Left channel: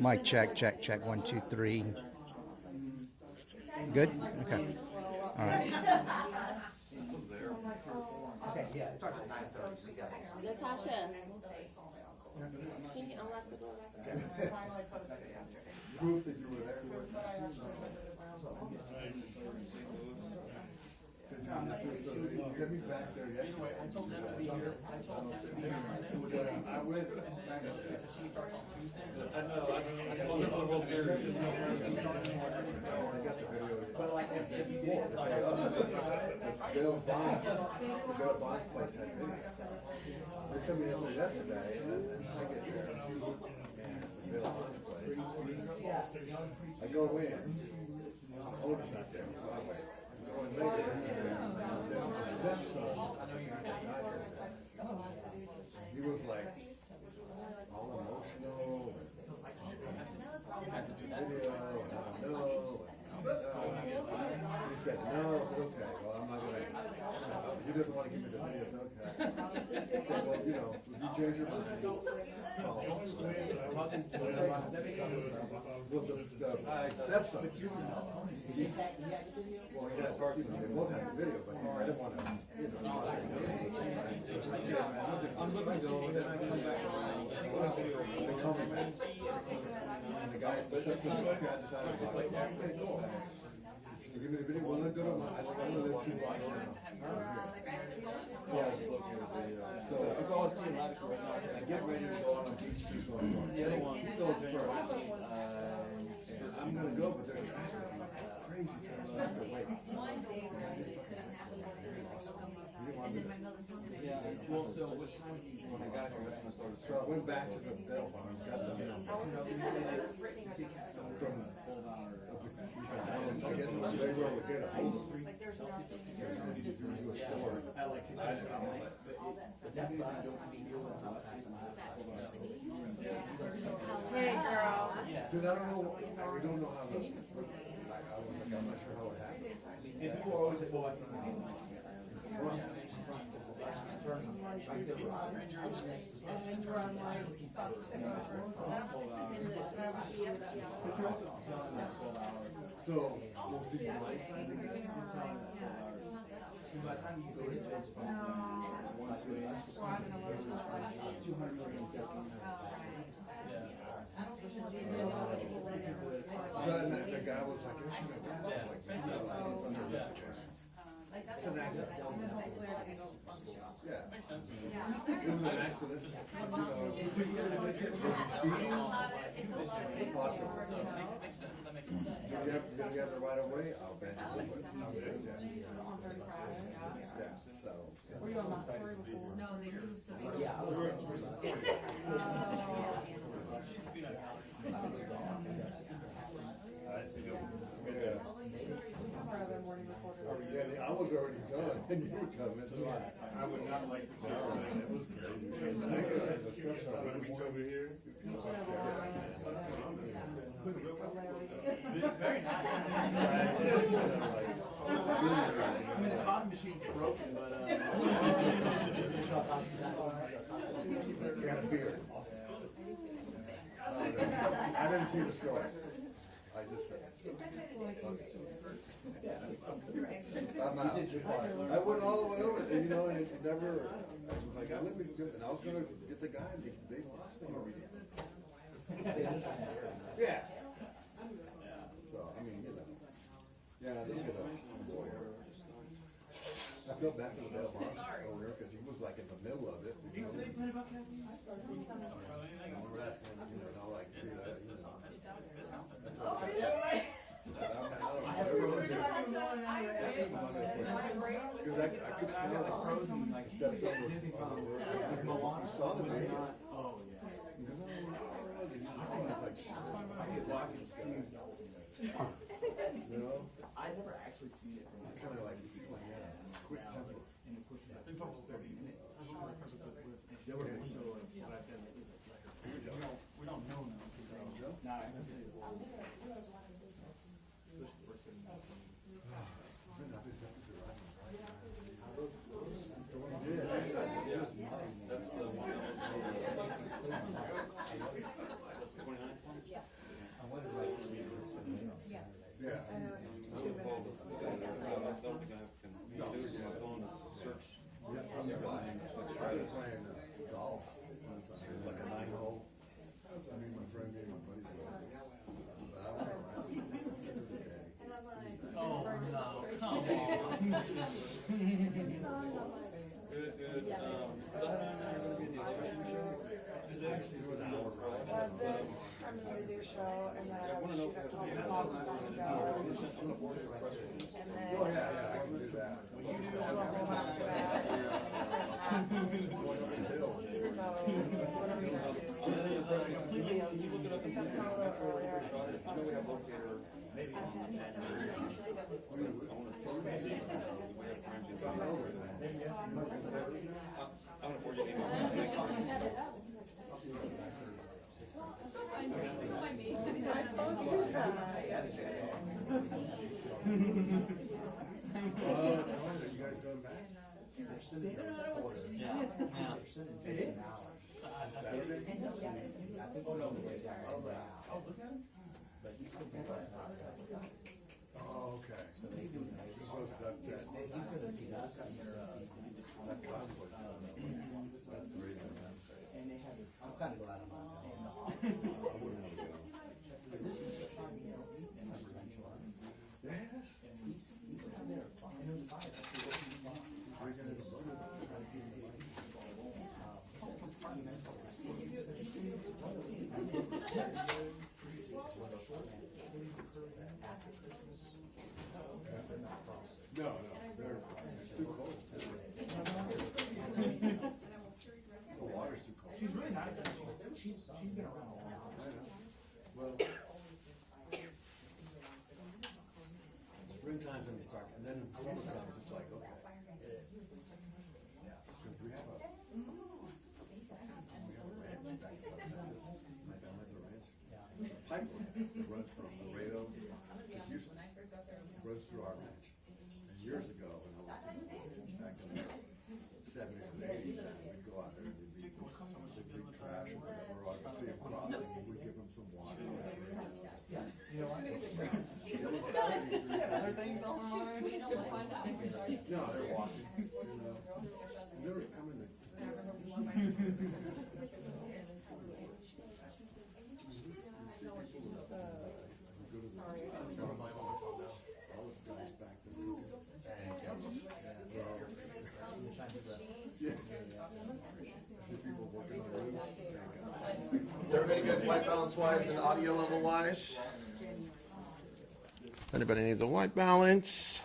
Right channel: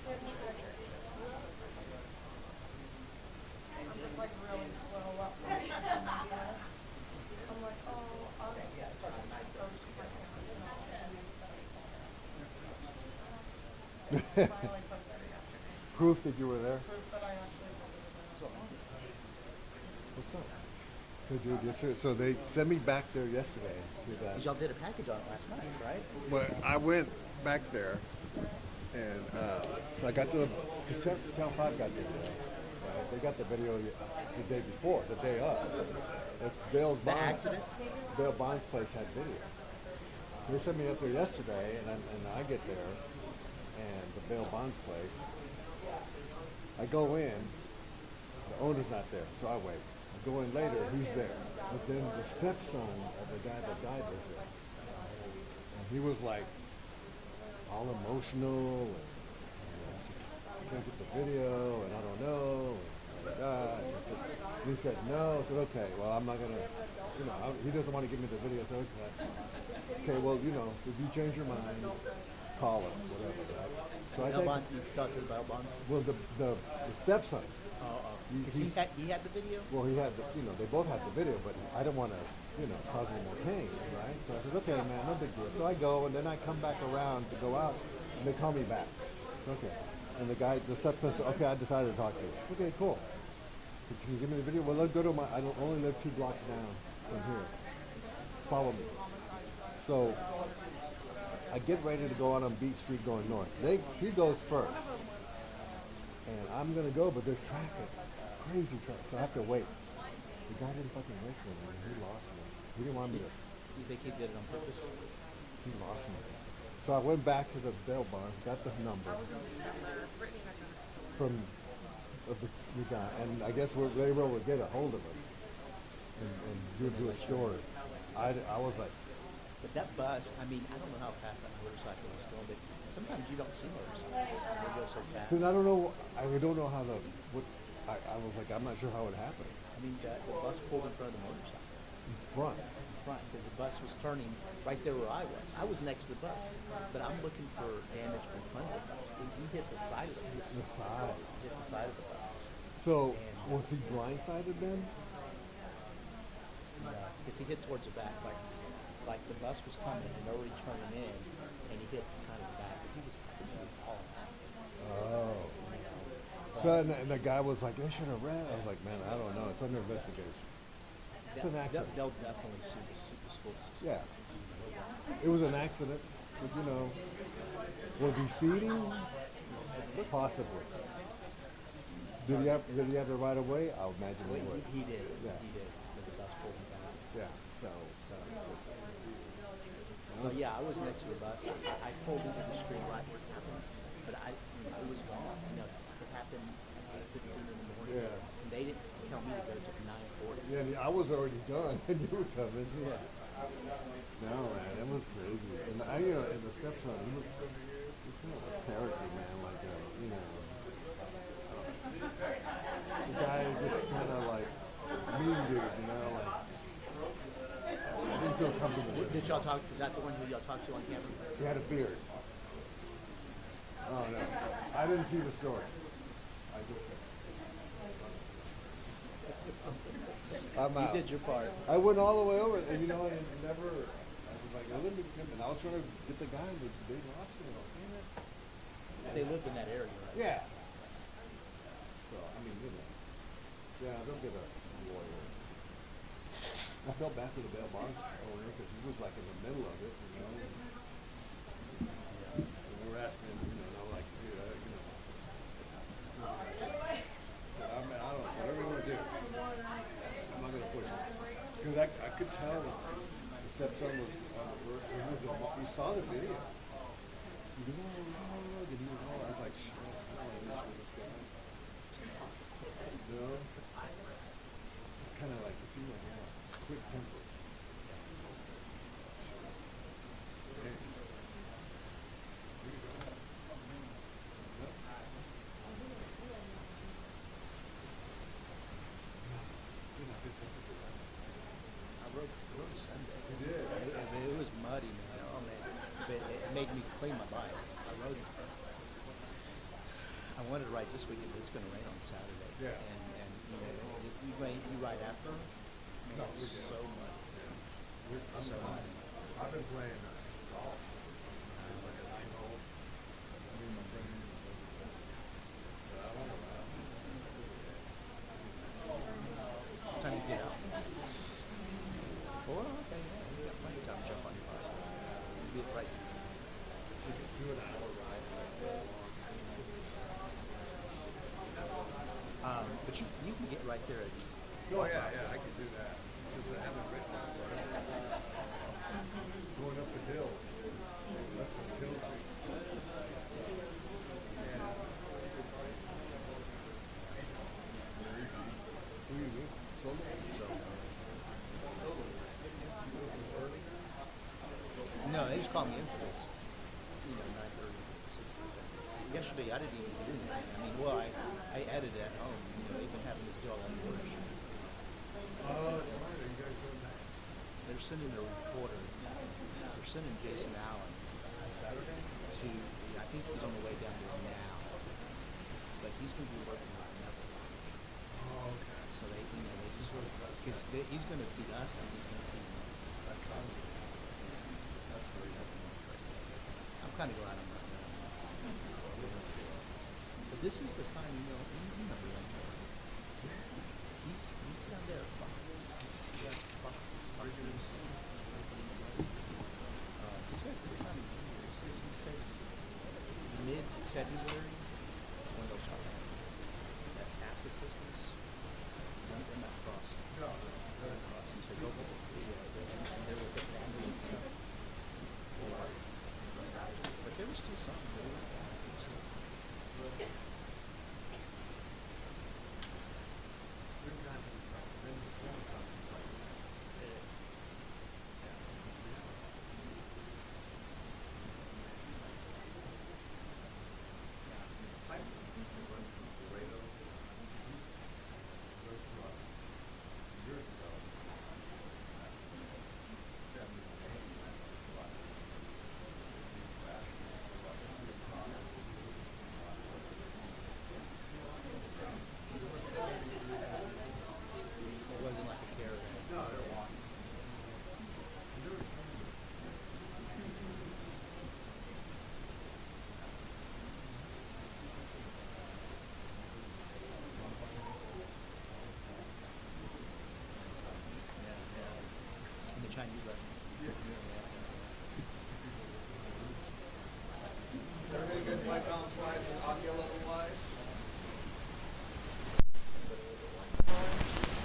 Mic check, check, check. 1, 2, 3. Good? Okay. All right. Proof that you were there. So they sent me back there yesterday. Y'all did a package on that, right? But I went back there, and so I got to the town fire got there. They got the video the day before, the day of. It's Bill Bonds. Bill Bonds' place had video. They sent me up there yesterday, and I get there, and the Bill Bonds place. I go in, the owner's not there, so I wait. go in later, he's there. But then the stepson of the guy that died there, he was like all emotional. And can't get the video, and I don't know. And he said no. I said okay. Well, I'm not gonna. You know, he doesn't want to give me the video. So okay. Well, you know, if you change your mind, call us. So I think, well, the stepson. He had the video? Well, he had, you know, they both had the video, but I didn't want to, you know, cause any pain. Right? So I said, okay, man, no big deal. So I go, and then I come back around to go out, and they call me back. Okay. And the stepson said, okay, I decided to call you. Okay, cool. So can you give me the video? Well, let's go to I don't only live 2 blocks now from here. Follow me. So I get ready to go out on Beach Street going north. He goes first. And I'm going to go, but there's traffic. Crazy traffic. So I have to wait. The guy didn't fucking wait for me. He lost me. He didn't want me to. He lost me. So I went back to the bail bond, got the number from the guy. And I guess they were able to get a hold of him and do a story. I was like, That bus, I mean, I don't know how fast that motorcycle was going, but sometimes you don't see motorcycles. because I don't know, I don't know how I was like, I'm not sure how it happened. The bus pulled in front of the motorcycle. Front. Because the bus was turning right there where I was. I was next to the bus, but I'm looking for damage in front of the bus. And we hit the side of it. The side of it. So was he blindsided then? As he hit towards the back, like the bus was coming and he was turning in, and he hit kind of the back. So, and the guy was like, I shouldn't have ran. I was like, man, I don't know. It's under investigation. It's an accident. They'll definitely school system. Yeah. It was an accident. But, you know, was he speeding? Possibly. Did he have the right of way? I would imagine he would. He did. Yeah. He did. Yeah. So. Yeah, I was next to the bus. I pulled from the street right where the bus was. But I was gone. It happened. Yeah. They didn't tell me to go to 940. Yeah, I was already done, and you were coming. Yeah. No, man, it was crazy. And and the stepson, he was over here. Like character, man, like you know. Guy just kind of like really weird, you know. Did y'all talk? Is that the one that y'all talked to on camera? He had a beard. Oh, no. I didn't see the story. I just said. I'm out. You did your part. I went all the way over, and you know, and it never. Like I listened to him, and I was trying to get the guy, and they lost him over here. They lived in that area, right? Yeah. So I mean, you know. Yeah, they'll get a lawyer. I felt bad for the bail bonds over there because he was like in the middle of it. You know? And we were asking him, you know, like, dude, you know. Because I could tell the stepson was on the word because he saw the video. And he was like, shit. You know? It's kind of like, it seemed like, yeah, quick temper. It was muddy. He's going to feed us. I'm kind of glad I'm not that. But this is the time, you remember that. He's out there. Mid-February, after Christmas, they're not crossing. They're not crossing. He said, go home. But there was still something going on. Is everybody good white balance wise and audio level wise? Anybody needs a white balance?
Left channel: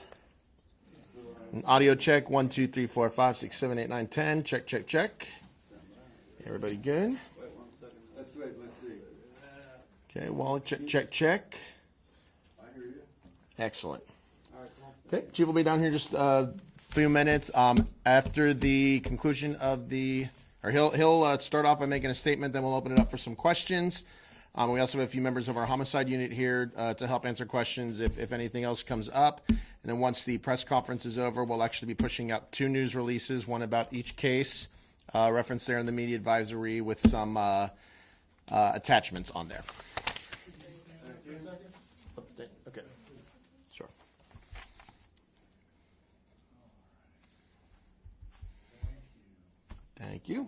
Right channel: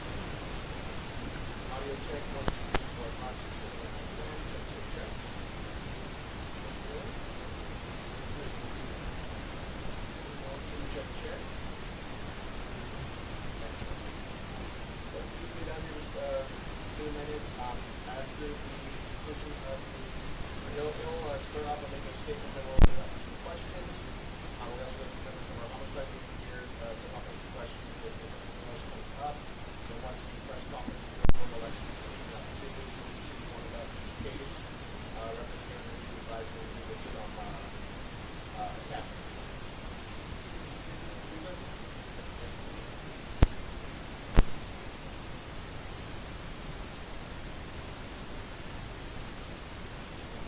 An audio check 1, 2, 3, 4, 5, 6, 7, 8, 9, 10. Check, check, check. Everybody good? Okay, wallet check, check, check. Excellent. Okay, Chief will be down here just a few minutes. After the conclusion of he'll start off by making a statement, then we'll open it up for some questions. We also have a few members of our homicide unit here to help answer questions if anything else comes up. And then once the press conference is over, we'll actually be pushing out 2 news releases, one about each case, referenced there in the media advisory with some attachments on there. Thank you.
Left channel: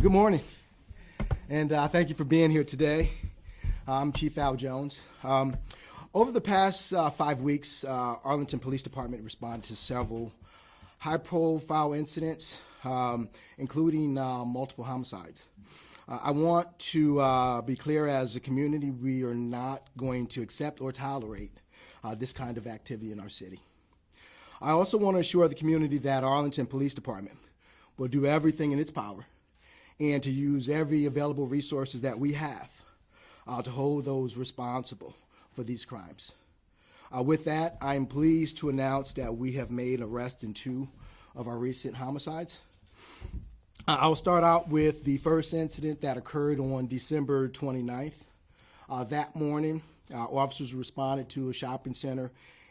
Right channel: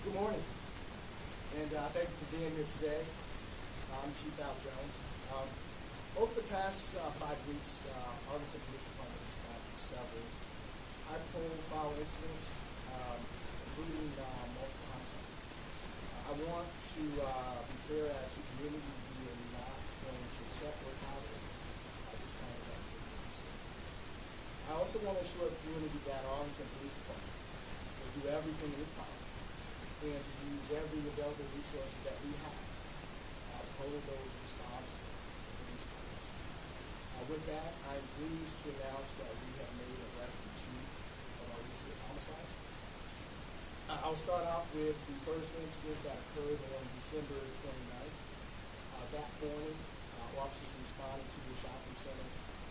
Good morning, and thank you for being here today. I'm Chief Al Jones. Over the past 5 weeks, Arlington Police Department responded to several high-profile incidents, including multiple homicides. I want to be clear, as a community, we are not going to accept or tolerate this kind of activity in our city. I also want to assure the community that Arlington Police Department will do everything in its power and to use every available resources that we have to hold those responsible for these crimes. With that, I am pleased to announce that we have made arrests in 2 of our recent homicides. I will start out with the first incident that occurred on December 29th. That morning, officers responded to a shopping center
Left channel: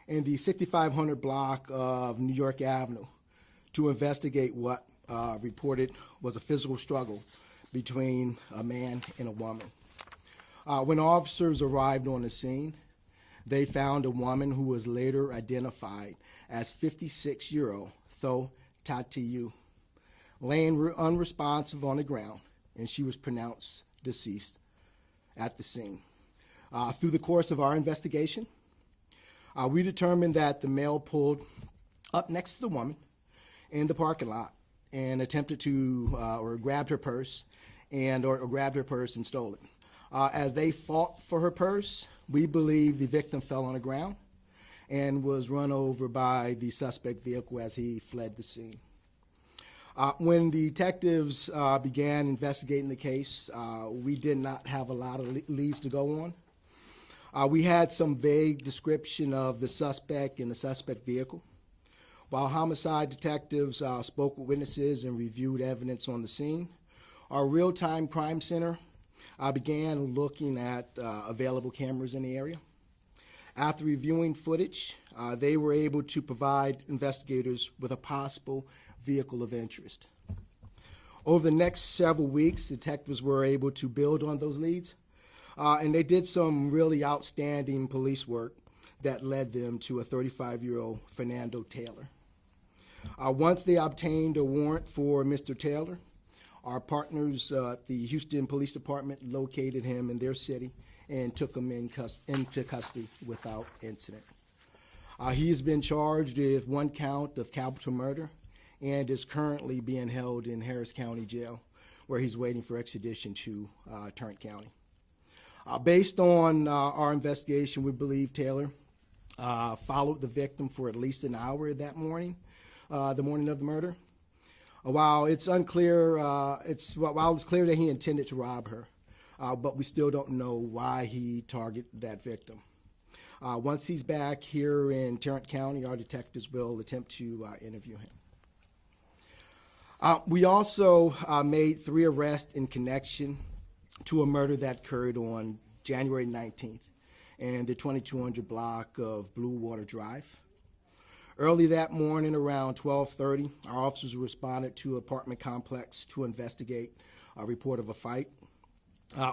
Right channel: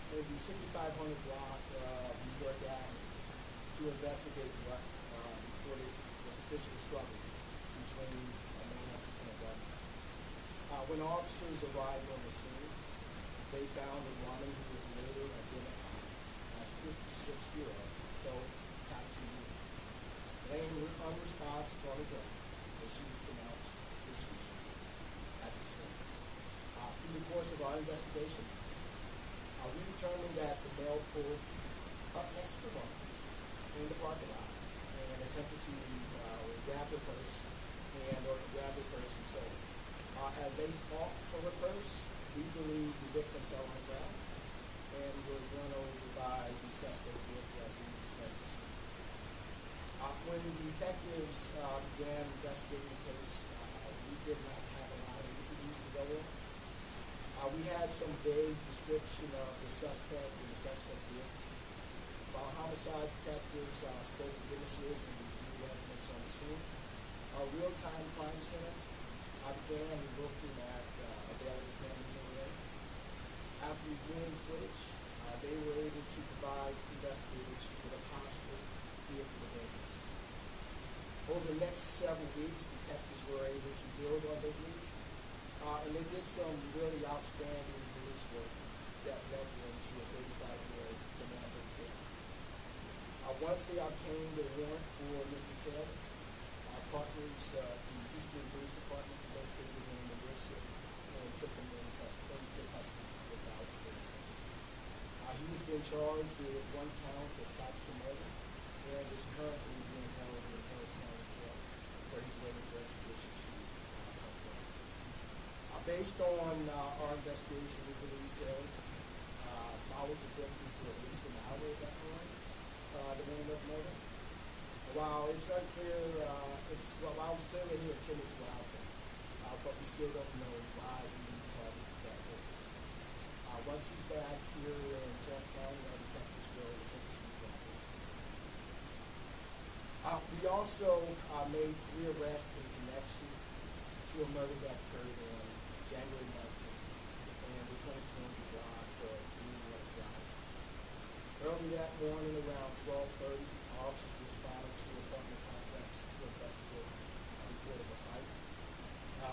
in the 6500 block of New York Avenue to investigate what reported was a physical struggle between a man and a woman. When officers arrived on the scene, they found a woman who was later identified as 56-year-old Tho Tatiyu, laying unresponsive on the ground, and she was pronounced deceased at the scene. Through the course of our investigation, we determined that the male pulled up next to the woman in the parking lot and attempted to, or grabbed her purse and stole it. As they fought for her purse, we believe the victim fell on the ground and was run over by the suspect vehicle as he fled the scene. When the detectives began investigating the case, we did not have a lot of leads to go on. We had some vague description of the suspect and the suspect vehicle. While homicide detectives spoke with witnesses and reviewed evidence on the scene, our real-time crime center began looking at available cameras in the area. After reviewing footage, they were able to provide investigators with a possible vehicle of interest. Over the next several weeks, detectives were able to build on those leads, and they did some really outstanding police work that led them to a 35-year-old Fernando Taylor. Once they obtained a warrant for Mr. Taylor, our partners, the Houston Police Department, located him in their city and took him into custody without incident. He has been charged with 1 count of capital murder and is currently being held in Harris County Jail, where he's waiting for extradition to Tarrant County. Based on our investigation, we believe Taylor followed the victim for at least an hour that morning, the morning of the murder. While it's unclear, while it's clear that he intended to rob her, but we still don't know why he targeted that victim. Once he's back here in Tarrant County, our detectives will attempt to interview him. We also made 3 arrests in connection to a murder that occurred on January 19th in the 2200 block of Blue Water Drive. Early that morning, around 12:30, our officers responded to an apartment complex to investigate a report of a fight.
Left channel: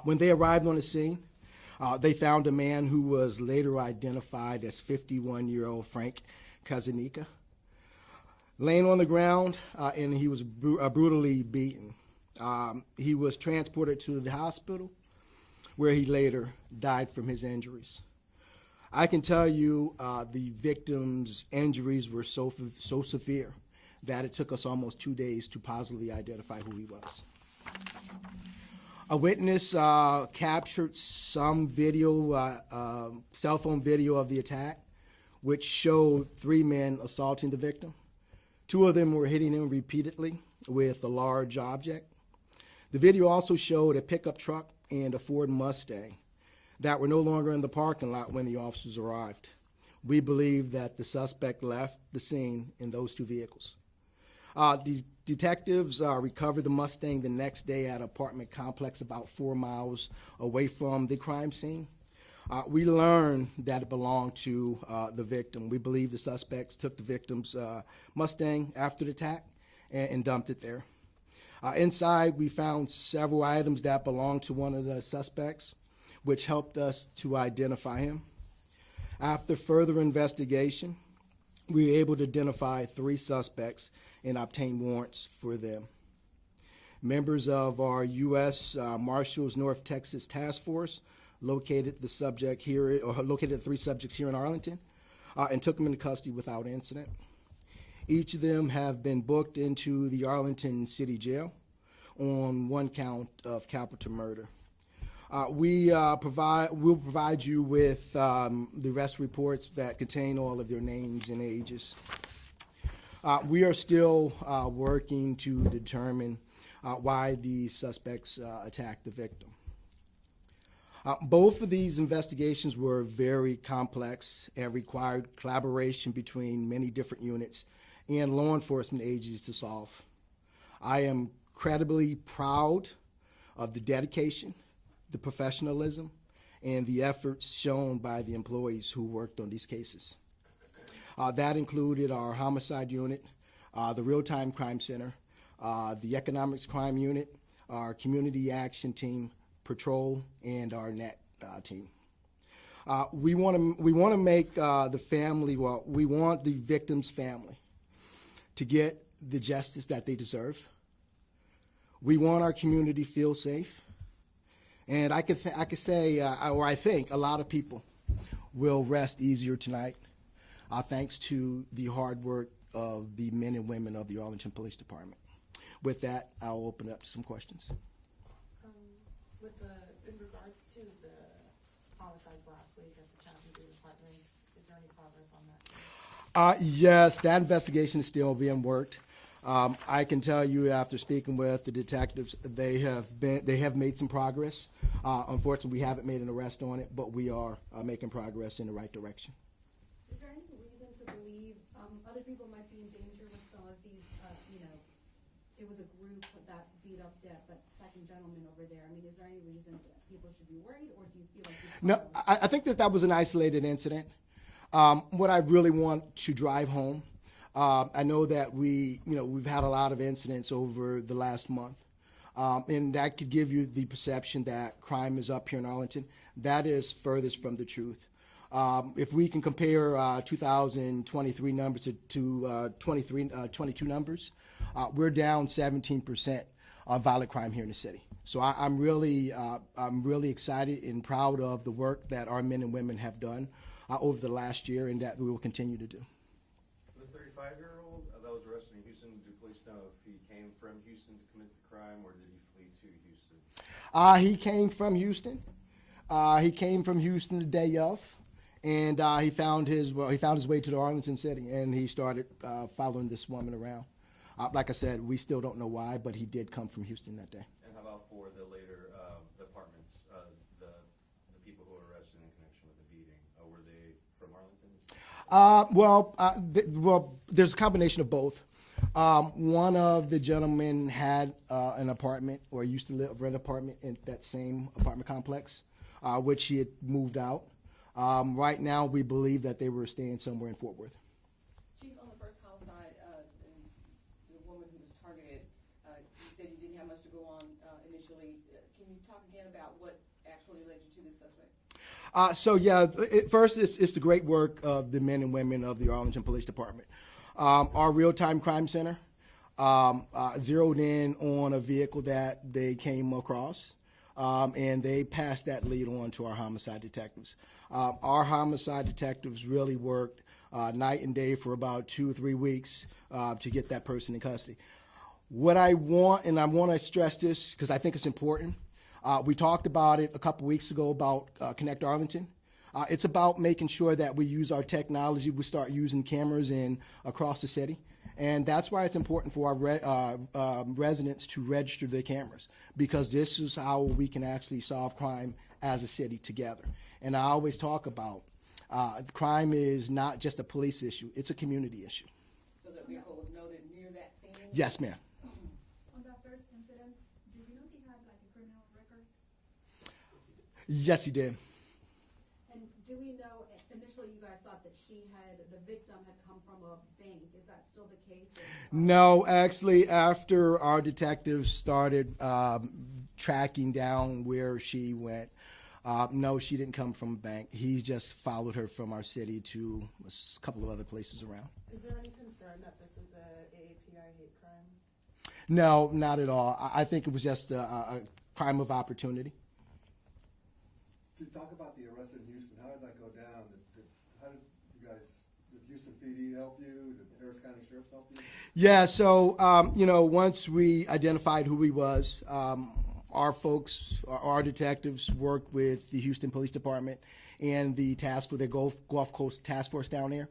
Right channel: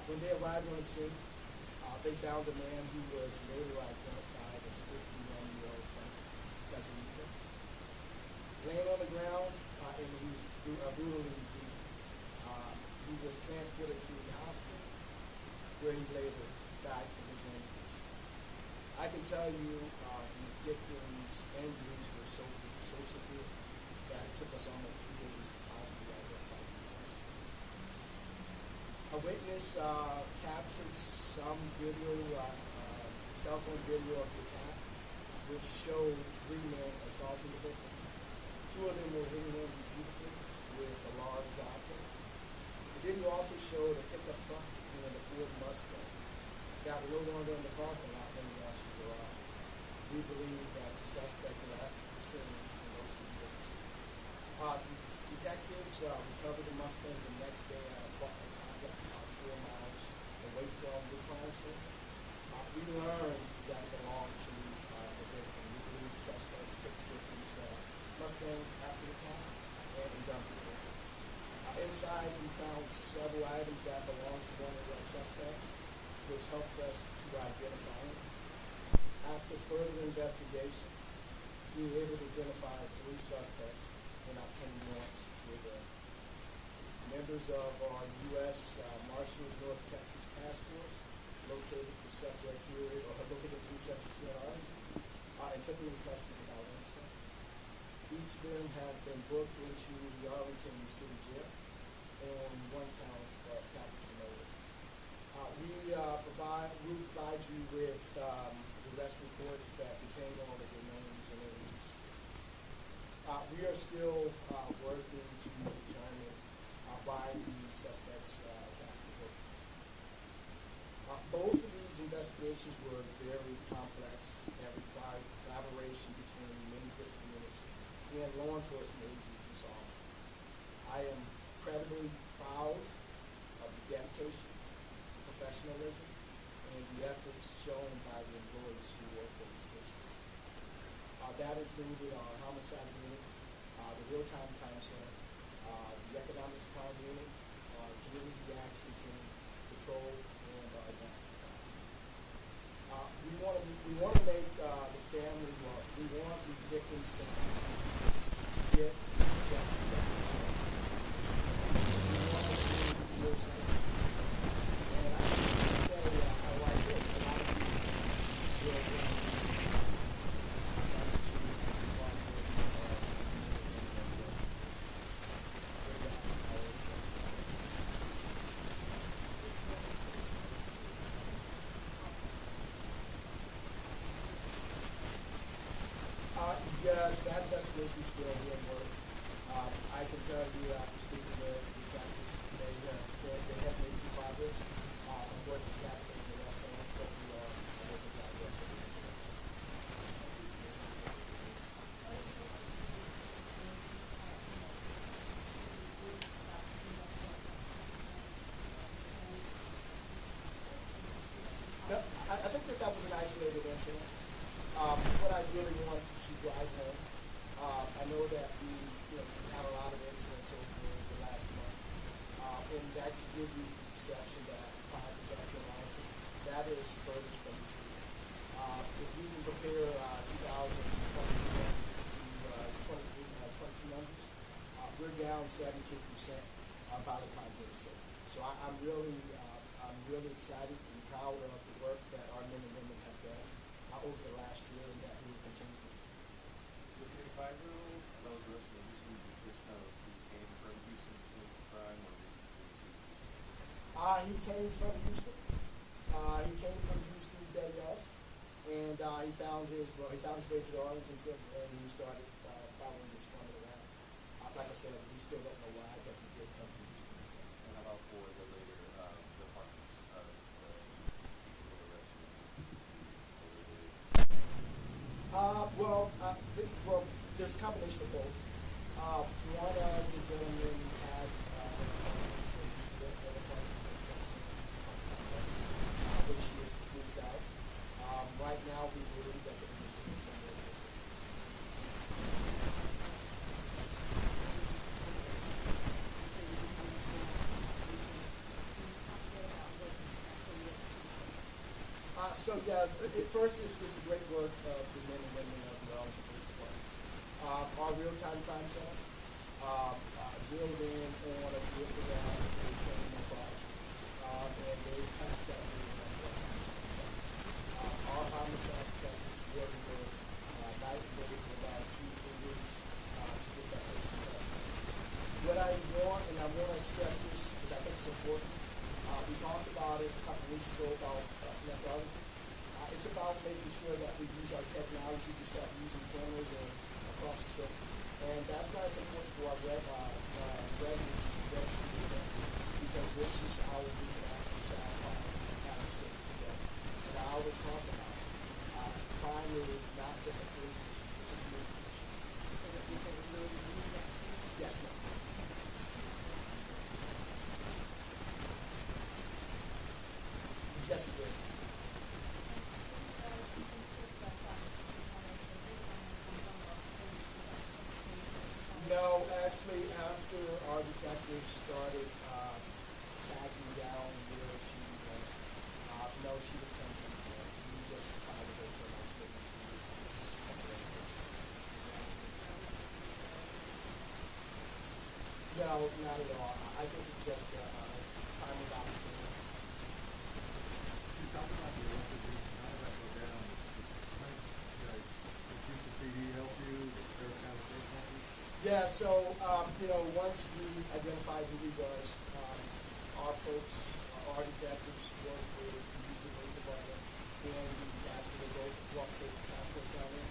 When they arrived on the scene, they found a man who was later identified as 51-year-old Frank Kazanika, laying on the ground, and he was brutally beaten. He was transported to the hospital, where he later died from his injuries. I can tell you the victim's injuries were so severe that it took us almost 2 days to positively identify who he was. A witness captured some video, cell phone video of the attack, which showed 3 men assaulting the victim. 2 of them were hitting him repeatedly with a large object. The video also showed a pickup truck and a Ford Mustang that were no longer in the parking lot when the officers arrived. We believe that the suspect left the scene in those 2 vehicles. The detectives recovered the Mustang the next day at an apartment complex about 4 miles away from the crime scene. We learned that it belonged to the victim. We believe the suspects took the victim's Mustang after the attack and dumped it there. Inside, we found several items that belonged to one of the suspects, which helped us to identify him. After further investigation, we were able to identify 3 suspects and obtain warrants for them. Members of our U.S. Marshals North Texas Task Force located the subject here, or located 3 subjects here in Arlington, and took them into custody without incident. Each of them have been booked into the Arlington City Jail on one count of capital murder. We'll provide you with the arrest reports that contain all of their names and ages. We are still working to determine why the suspects attacked the victim. Both of these investigations were very complex and required collaboration between many different units and law enforcement agencies to solve. I am incredibly proud of the dedication, the professionalism, and the efforts shown by the employees who worked on these cases. That included our homicide unit, the real-time crime center, the economics crime unit, our community action team, patrol, and our net team. We want to make the family, well, we want the victim's family to get the justice that they deserve. We want our community to feel safe. And I could say, or I think a lot of people will rest easier tonight, thanks to the hard work of the men and women of the Arlington Police Department. With that, I'll open up some questions. Yes, that investigation is still being worked. I can tell you, after speaking with the detectives, they have made some progress. Unfortunately, we haven't made an arrest on it, but we are making progress in the right direction. No, I think that was an isolated incident. What I really want to drive home, I know that we've had a lot of incidents over the last month, and that could give you the perception that crime is up here in Arlington. That is furthest from the truth. If we can compare 2023 numbers to 22 numbers, we're down 17% on violent crime here in the city. So I'm really excited and proud of the work that our men and women have done over the last year, and that we will continue to do. The 35-year-old that was arrested in Houston, did you know he came from Houston to commit the crime, or did he He came from Houston. He came from Houston the day of, and he found his way to the Arlington City, and he started following this woman around. Like I said, we still don't know why, but he did come from Houston that day. And how about for the later departments, the people who were arrested, Well, there's a combination of both. One of the gentlemen had an apartment, or used to rent an apartment in that same apartment complex, which he had moved out. Right now, we believe that they were staying somewhere in Fort Worth. First, it's the great work of the men and women of the Arlington Police Department. Our real-time crime center zeroed in on a vehicle that they came across, and they passed that lead on to our homicide detectives. Our homicide detectives really work night and day for about 2 or 3 weeks to get that person in custody. What I want, and I want to stress this because I think it's important, we talked about it a couple weeks ago about Connect Arlington. It's about making sure that we use our technology. We start using cameras across the city. And that's why it's important for our residents to register their cameras, because this is how we can actually solve crime as a city together. And I always talk about crime is not just a police issue, it's a community issue. Yes, ma'am. Yes, he did. No, actually, after our detectives started tracking down where she went, no, she didn't come from a bank. He just followed her from our city to a couple of other places around. No, not at all. I think it was just a crime of opportunity. You talked about the how did that go down? How did Houston PD help you? Did they kind of take on Yeah, so, once we identified who he was, our folks, our detectives worked with the Houston Police Department and the task for the Gulf Coast Task Force down there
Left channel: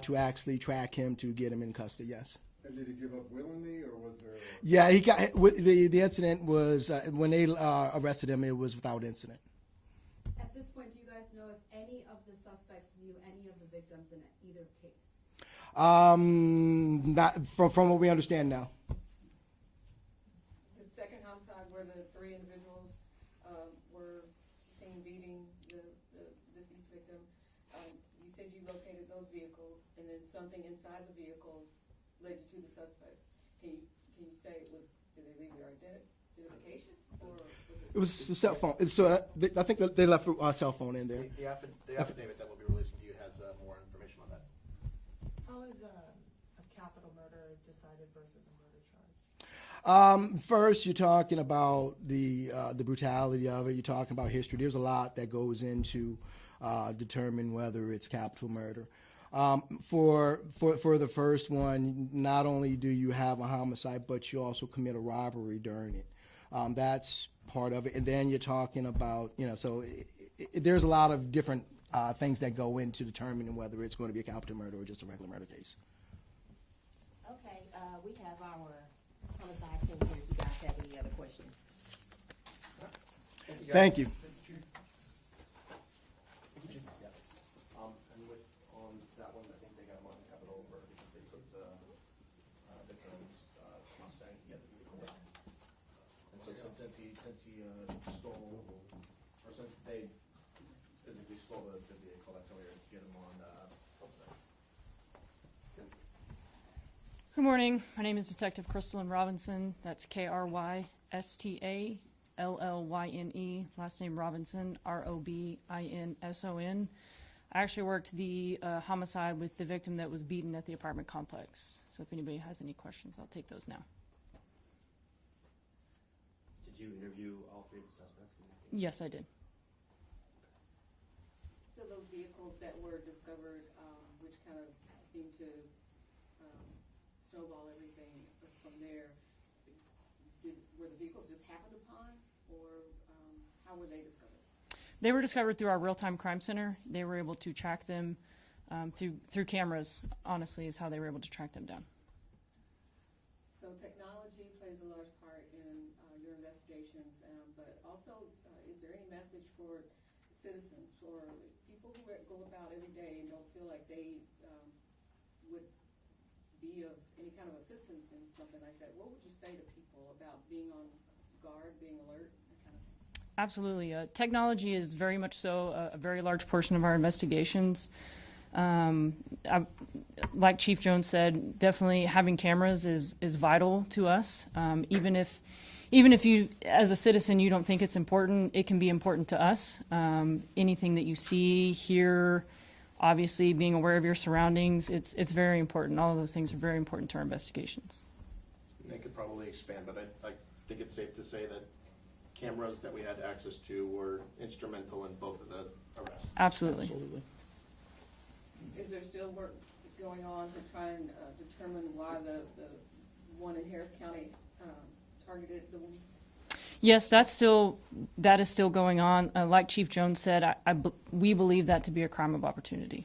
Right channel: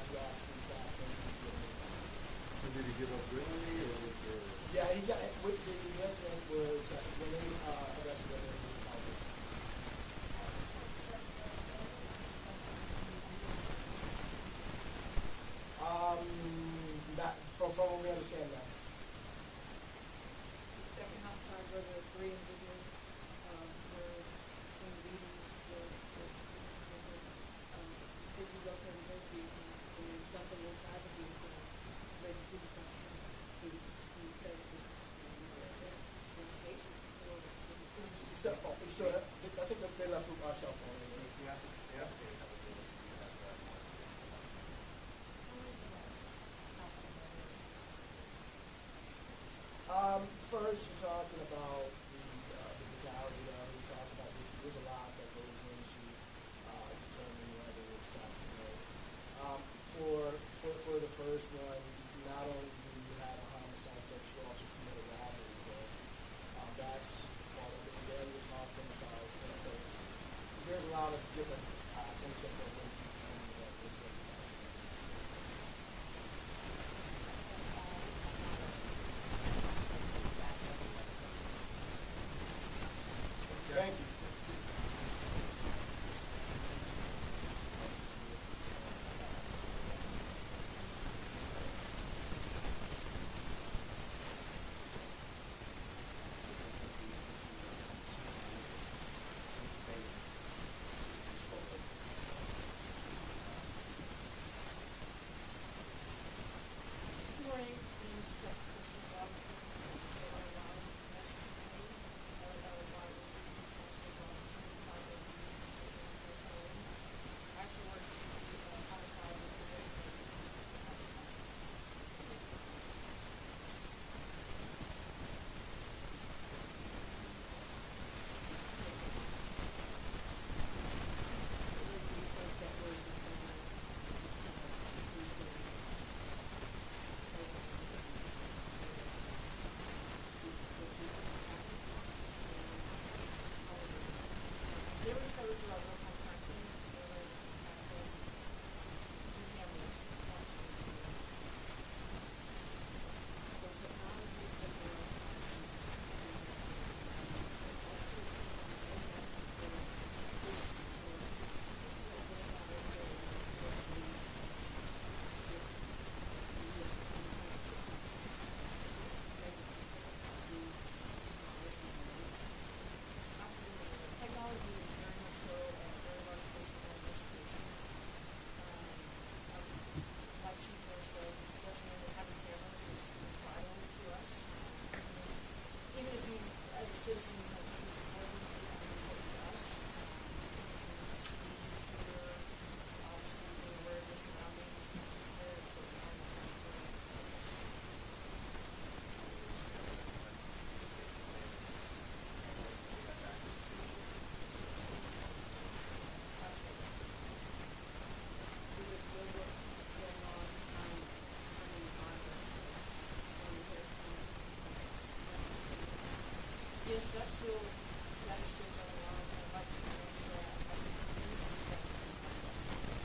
to actually track him to get him in custody, yes. And did he give up willingly, or was there? Yeah, he got, the incident was, when they arrested him, it was without incident. Not from what we understand now. The second homicide where the three individuals were in meetings for you said you located those vehicles and then something inside the vehicle led to the suspect. Can you say it was right there? It was a cell phone. So I think that they left a cell phone in there. The affidavit that will be listed to you has more information about it. First, you're talking about the brutality of it. You're talking about history. There's a lot that goes into determine whether it's capital murder. For the first one, not only do you have a homicide, but you also commit a robbery during it. That's part of it. And then you're talking about, so there's a lot of different things that go into determining whether it's going to be a capital murder or just a regular murder case. Thank you. Good morning. My name is Detective Crystalline Robinson. That's Krystallene. Last name Robinson, Robinson. I actually worked the homicide with the victim that was beaten at the apartment complex. So if anybody has any questions, I'll take those now. Yes, I did. They were discovered through our real-time crime center. They were able to track them through cameras, honestly, is how they were able to track them down. Absolutely. Technology is very much so a very large portion of our investigations. Like Chief Jones said, definitely having cameras is vital to us. Even if you, as a citizen, you don't think it's important, it can be important to us. Anything that you see, hear, obviously being aware of your surroundings, it's very important. All of those things are very important to our investigations. We could probably expand on it. I think it's safe to say that cameras that we had access to were instrumental in both of the arrests. Absolutely. Is there still work going on to try and determine why the one in Harris County unmissing? Yes, that is still going on. Like Chief Jones said, we believe that to be a crime of opportunity.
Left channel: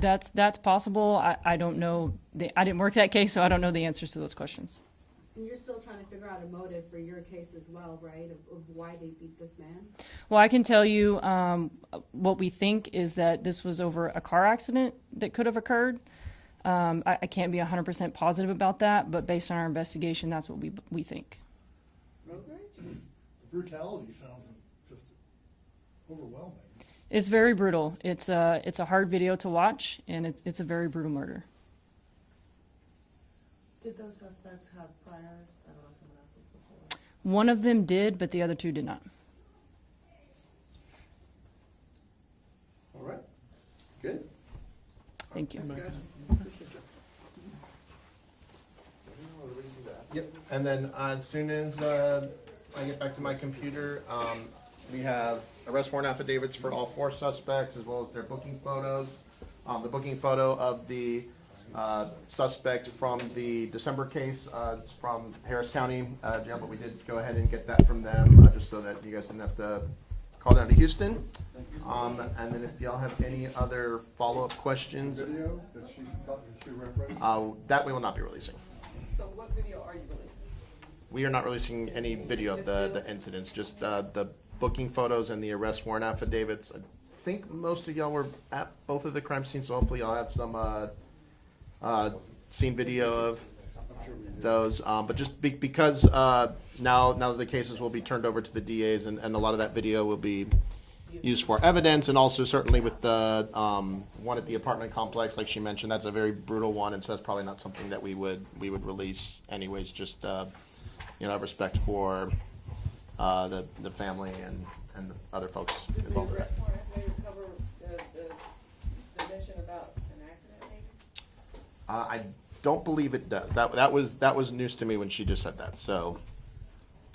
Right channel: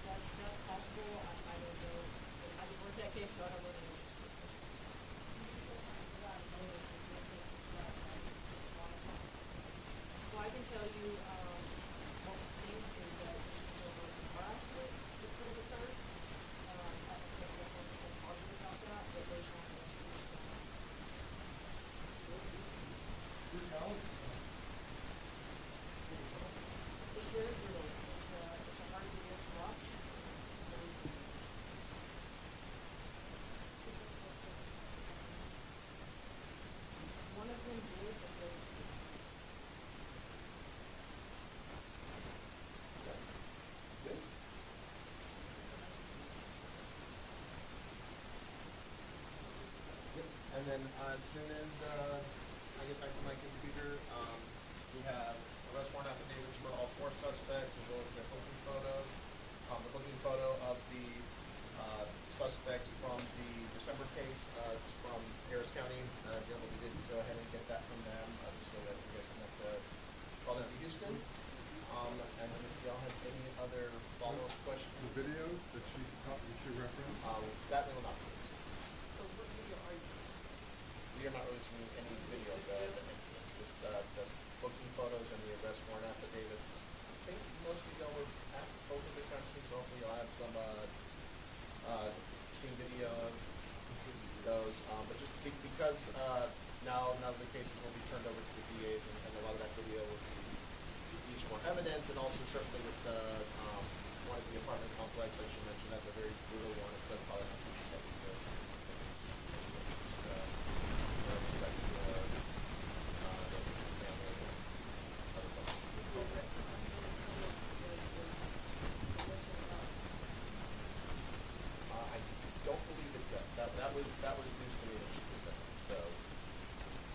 That's possible. I don't know. I didn't work that case, so I don't know the answers to those questions. You're still trying to figure out a motive for your case as well, right? Of why they beat this man? Well, I can tell you what we think is that this was over a car accident that could have occurred. I can't be 100% positive about that, but based on our investigation, that's what we think. Brutality sounds. It's very brutal. It's a hard video to watch, and it's a very brutal murder. Did those suspects have trials? One of them did, but the other two did not. All right. Good. Thank you. Yep. And then as soon as I get back to my computer, we have arrest warrant affidavits for all 4 suspects, as well as their booking photos. The booking photo of the suspect from the December case from Harris County Jail, but we did go ahead and get that from them, just so that you guys didn't have to call down to Houston. And then if y'all have any other follow-up questions, Video that she referenced? that we will not be releasing. So what video are you releasing? We are not releasing any video of the incidents, just the booking photos and the arrest warrant affidavits. I think most of y'all were at both of the crime scenes, so hopefully y'all have some scene video of those. But just because now the cases will be turned over to the DAs, and a lot of that video will be used for evidence, and also certainly with the one at the apartment complex, like she mentioned, that's a very brutal one, and so that's probably not something that we would release anyways, just respect for the family and other folks involved with that. I don't believe it does. That was news to me when she just said that. So